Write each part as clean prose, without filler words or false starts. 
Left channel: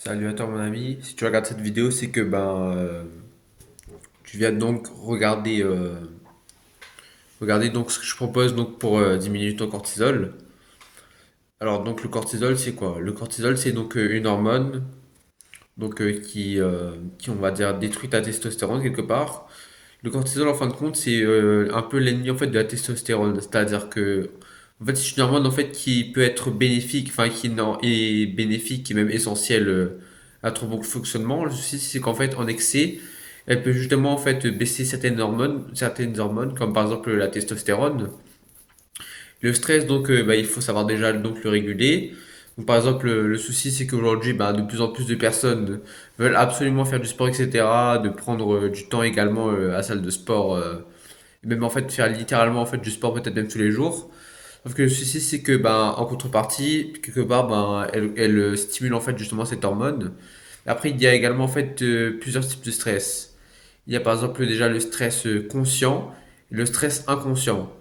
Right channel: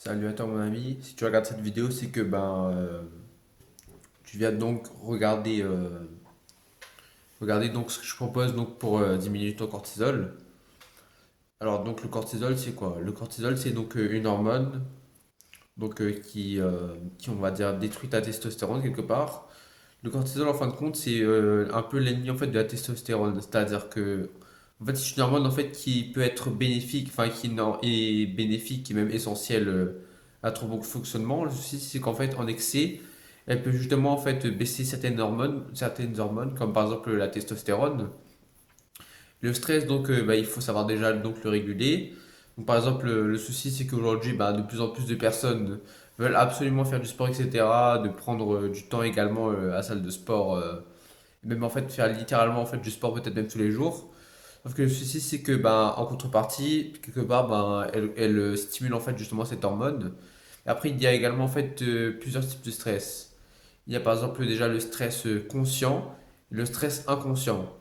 Salut à toi mon ami, si tu regardes cette vidéo c'est que tu viens donc regarder donc ce que je propose donc pour diminuer ton cortisol. Alors donc le cortisol c'est quoi? Le cortisol c'est donc une hormone qui on va dire détruit ta testostérone quelque part. Le cortisol en fin de compte c'est un peu l'ennemi en fait de la testostérone, c'est-à-dire que en fait c'est une hormone en fait qui peut être bénéfique, enfin qui non, est bénéfique, qui est même essentielle à ton bon fonctionnement. Le souci c'est qu'en fait en excès elle peut justement en fait baisser certaines hormones comme par exemple la testostérone. Le stress, donc, il faut savoir déjà donc le réguler. Donc, par exemple, le souci, c'est qu'aujourd'hui, de plus en plus de personnes veulent absolument faire du sport, etc., de prendre du temps également à la salle de sport, et même en fait faire littéralement en fait du sport peut-être même tous les jours. Sauf que le souci, c'est que en contrepartie, quelque part, elle stimule en fait justement cette hormone. Après, il y a également en fait plusieurs types de stress. Il y a par exemple déjà le stress conscient et le stress inconscient.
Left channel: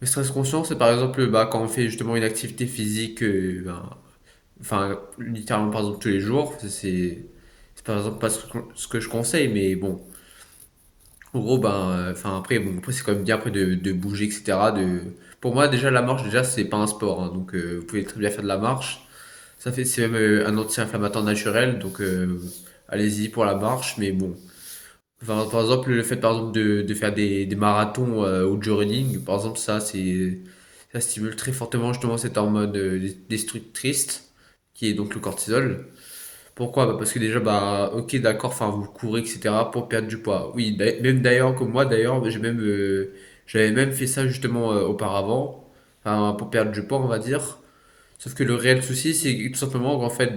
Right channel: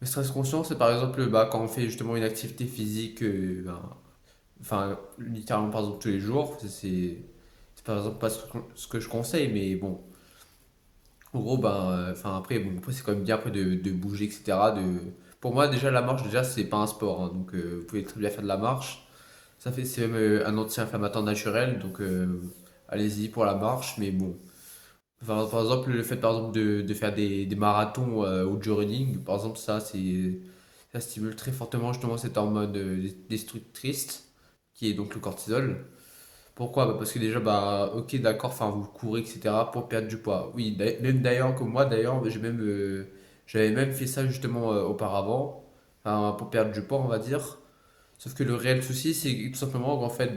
Le stress conscient, c'est par exemple quand on fait justement une activité physique, enfin littéralement par exemple tous les jours. C'est par exemple pas ce que je conseille, mais bon, en gros, enfin après, bon, après c'est quand même bien après de bouger, etc. Pour moi, déjà la marche, déjà c'est pas un sport, hein, donc vous pouvez très bien faire de la marche. C'est même un anti-inflammatoire naturel, donc allez-y pour la marche, mais bon. Enfin, par exemple, le fait par exemple de faire des marathons ou du running, par exemple, ça stimule très fortement justement cette hormone destructrice qui est donc le cortisol. Pourquoi? Parce que déjà, ok, d'accord, enfin, vous courez, etc. pour perdre du poids. Oui, même d'ailleurs, comme moi, d'ailleurs, j'avais même fait ça justement auparavant, enfin, pour perdre du poids, on va dire. Sauf que le réel souci, c'est tout simplement qu'en fait,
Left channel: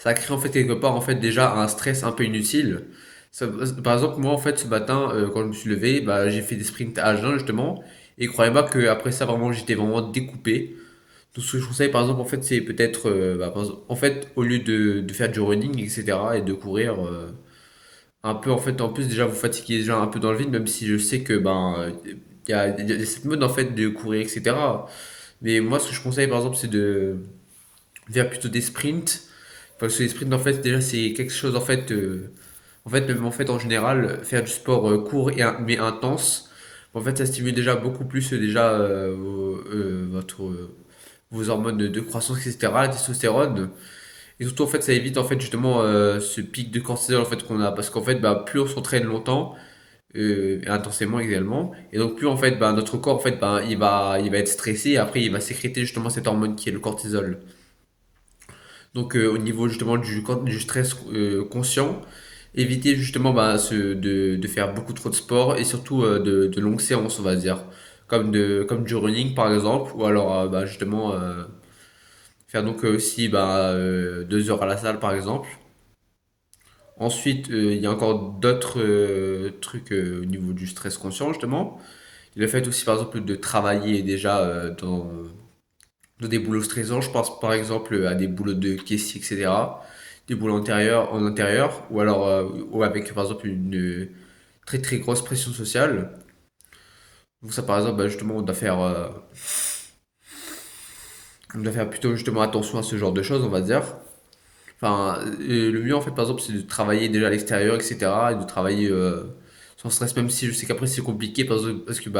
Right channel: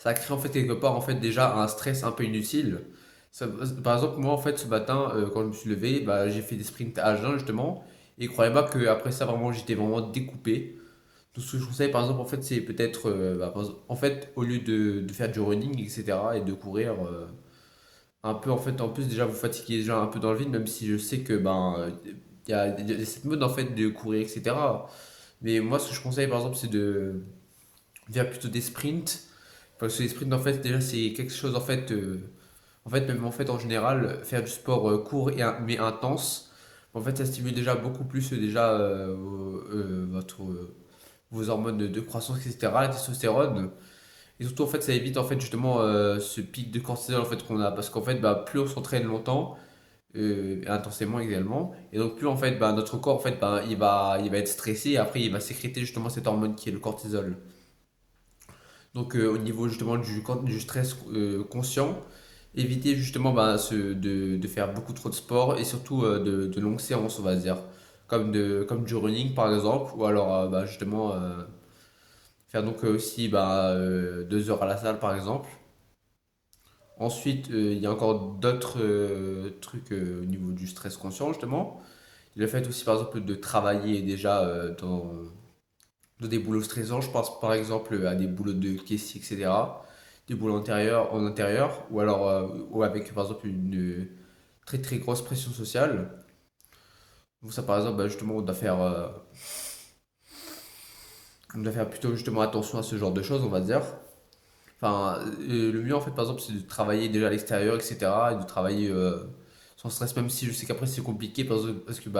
ça crée en fait quelque part en fait déjà un stress un peu inutile. Par exemple, moi en fait ce matin, quand je me suis levé, j'ai fait des sprints à jeun justement, et croyez-moi qu'après ça vraiment j'étais vraiment découpé. Tout ce que je conseille par exemple en fait c'est peut-être, en fait au lieu de faire du running etc. et de courir un peu en fait en plus déjà vous fatiguez déjà un peu dans le vide même si je sais que il y a cette mode en fait de courir etc. Mais moi ce que je conseille par exemple c'est de faire plutôt des sprints parce que les sprints, en fait, déjà, c'est quelque chose, en fait, même en fait, en général, faire du sport court mais intense, en fait, ça stimule déjà beaucoup plus déjà vos hormones de croissance, etc., la testostérone. Et surtout, en fait, ça évite, en fait, justement, ce pic de cortisol, en fait, qu'on a. Parce qu'en fait, plus on s'entraîne longtemps, et intensément également, et donc plus, en fait, notre corps, en fait, il va être stressé, et après, il va sécréter, justement, cette hormone qui est le cortisol. Donc au niveau justement du stress conscient, éviter justement de faire beaucoup trop de sport et surtout de longues séances, on va dire, comme du running par exemple, ou alors justement faire donc aussi 2 heures à la salle par exemple. Ensuite, il y a encore d'autres trucs au niveau du stress conscient justement. Le fait aussi par exemple de travailler déjà dans des boulots stressants, je pense par exemple à des boulots de caissier, etc. Des boulots en intérieur, ou alors ou avec par exemple une très très grosse pression sociale. Donc ça par exemple, justement, on doit faire plutôt justement attention à ce genre de choses, on va dire. Enfin, le mieux en fait par exemple c'est de travailler déjà à l'extérieur, etc. Et de travailler sans stress, même si je sais qu'après c'est compliqué parce que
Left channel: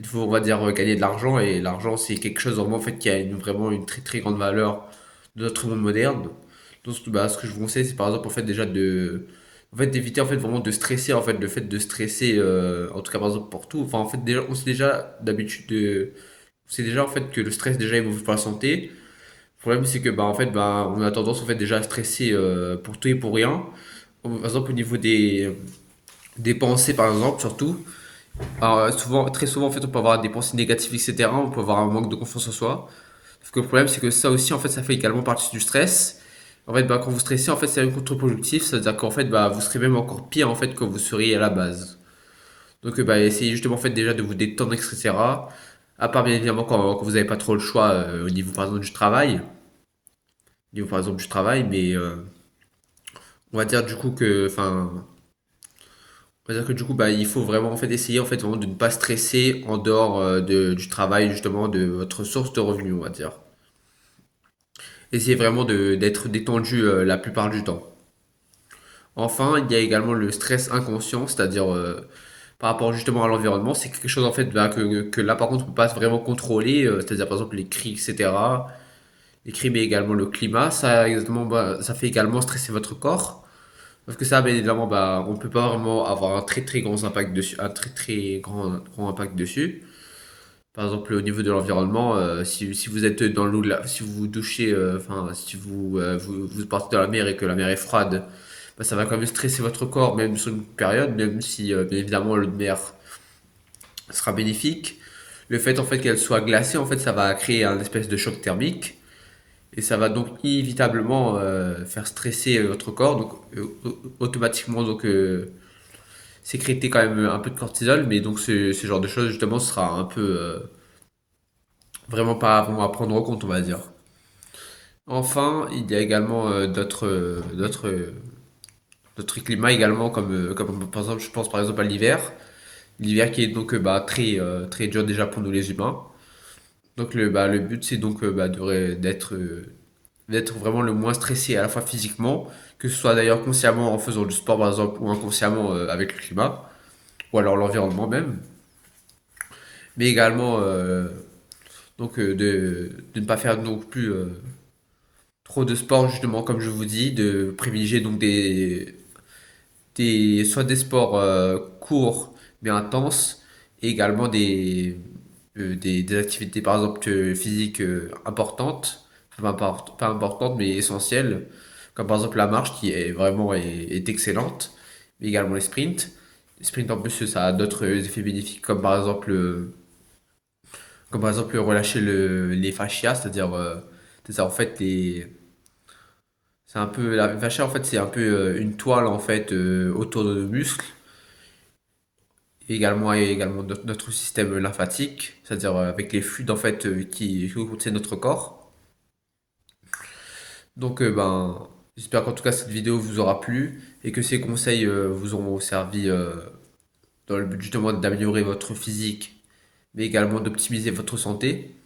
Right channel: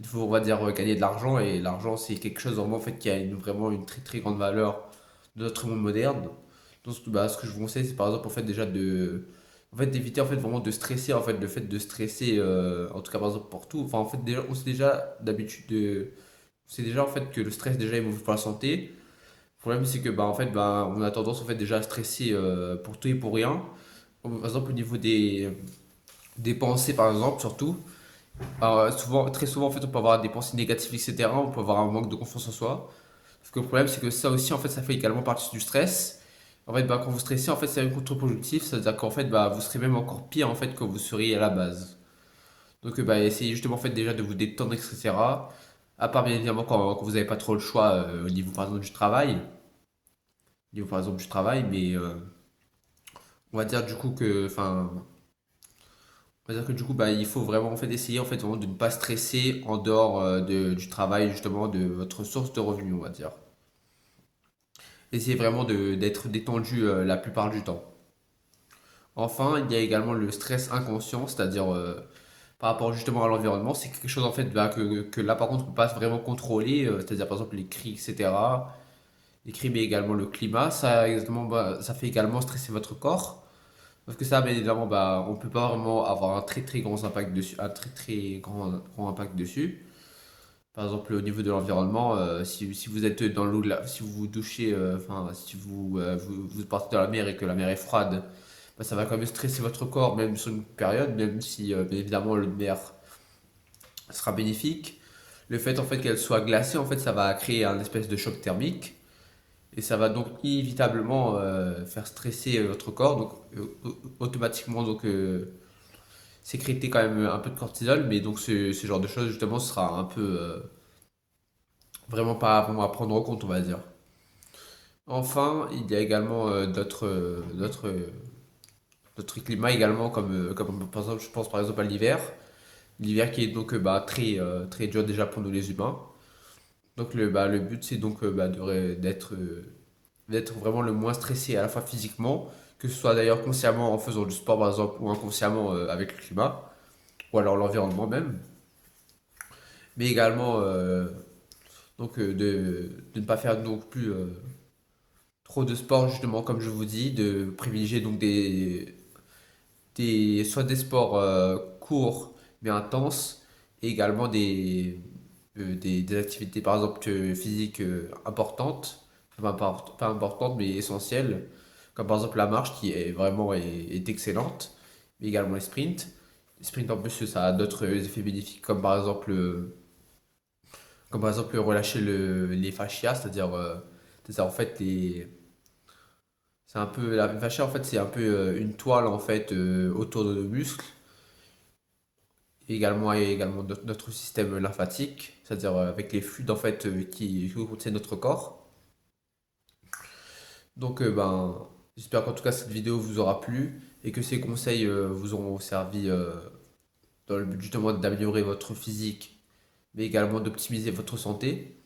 il faut, on va dire, gagner de l'argent et l'argent c'est quelque chose vraiment en fait qui a vraiment une très très grande valeur de notre monde moderne. Donc ce que je vous conseille c'est par exemple en fait déjà en fait d'éviter en fait vraiment de stresser en fait le fait de stresser en tout cas par exemple pour tout. Enfin en fait déjà on sait déjà on sait déjà en fait que le stress déjà est mauvais pour la santé. Le problème, c'est que on a tendance en fait déjà à stresser pour tout et pour rien. Par exemple, au niveau des pensées, par exemple, surtout. Alors, très souvent, en fait, on peut avoir des pensées négatives, etc. On peut avoir un manque de confiance en soi. Parce que le problème, c'est que ça aussi, en fait, ça fait également partie du stress. En fait, quand vous stressez, en fait, c'est même contre-productif. C'est-à-dire qu'en fait, vous serez même encore pire, en fait, que vous seriez à la base. Donc, essayez justement, en fait, déjà de vous détendre, etc. À part, bien évidemment, quand vous n'avez pas trop le choix au niveau, par exemple, du travail. Au niveau, par exemple, du travail, mais on va dire du coup que, enfin, on va dire que du coup, il faut vraiment en fait essayer en fait vraiment de ne pas stresser en dehors du travail justement de votre source de revenus, on va dire. essayez vraiment d'être détendu la plupart du temps. Enfin, il y a également le stress inconscient, c'est-à-dire par rapport justement à l'environnement, c'est quelque chose en fait bah, que là par contre on peut pas vraiment contrôler, c'est-à-dire par exemple les cris, etc. Les cris mais également le climat, ça, exactement, bah, ça fait également stresser votre corps. Parce que ça, bien évidemment, bah, on ne peut pas vraiment avoir un très très grand impact dessus, un très très grand impact dessus. Par exemple, au niveau de l'environnement, si vous êtes dans l'eau, si vous vous douchez, enfin, si vous partez dans la mer et que la mer est froide, bah, ça va quand même stresser votre corps, même sur une période, même si, bien évidemment, l'eau de mer sera bénéfique. Le fait, en fait, qu'elle soit glacée, en fait, ça va créer un espèce de choc thermique. Et ça va donc inévitablement faire stresser votre corps, donc automatiquement donc sécréter quand même un peu de cortisol, mais donc ce genre de choses justement sera un peu vraiment pas vraiment à prendre en compte, on va dire. Enfin, il y a également d'autres climats également comme par exemple je pense par exemple à l'hiver qui est donc bah, très dur déjà pour nous les humains. Donc le but c'est donc d'être vraiment le moins stressé à la fois physiquement, que ce soit d'ailleurs consciemment en faisant du sport par exemple ou inconsciemment avec le climat ou alors l'environnement même, mais également de ne pas faire non plus trop de sport justement comme je vous dis, de privilégier donc soit des sports courts mais intenses et également des activités par exemple physiques importantes, pas importantes mais essentielles, comme par exemple la marche qui est vraiment est excellente, mais également les sprints. Les sprints en plus ça a d'autres effets bénéfiques comme par exemple relâcher les fascias, c'est-à-dire en fait c'est un peu la fascia en fait c'est un peu une toile en fait autour de nos muscles et également notre système lymphatique, c'est-à-dire avec les fluides en fait qui contiennent notre corps. Donc j'espère qu'en tout cas cette vidéo vous aura plu et que ces conseils vous auront servi dans le but justement d'améliorer votre physique mais également d'optimiser votre santé.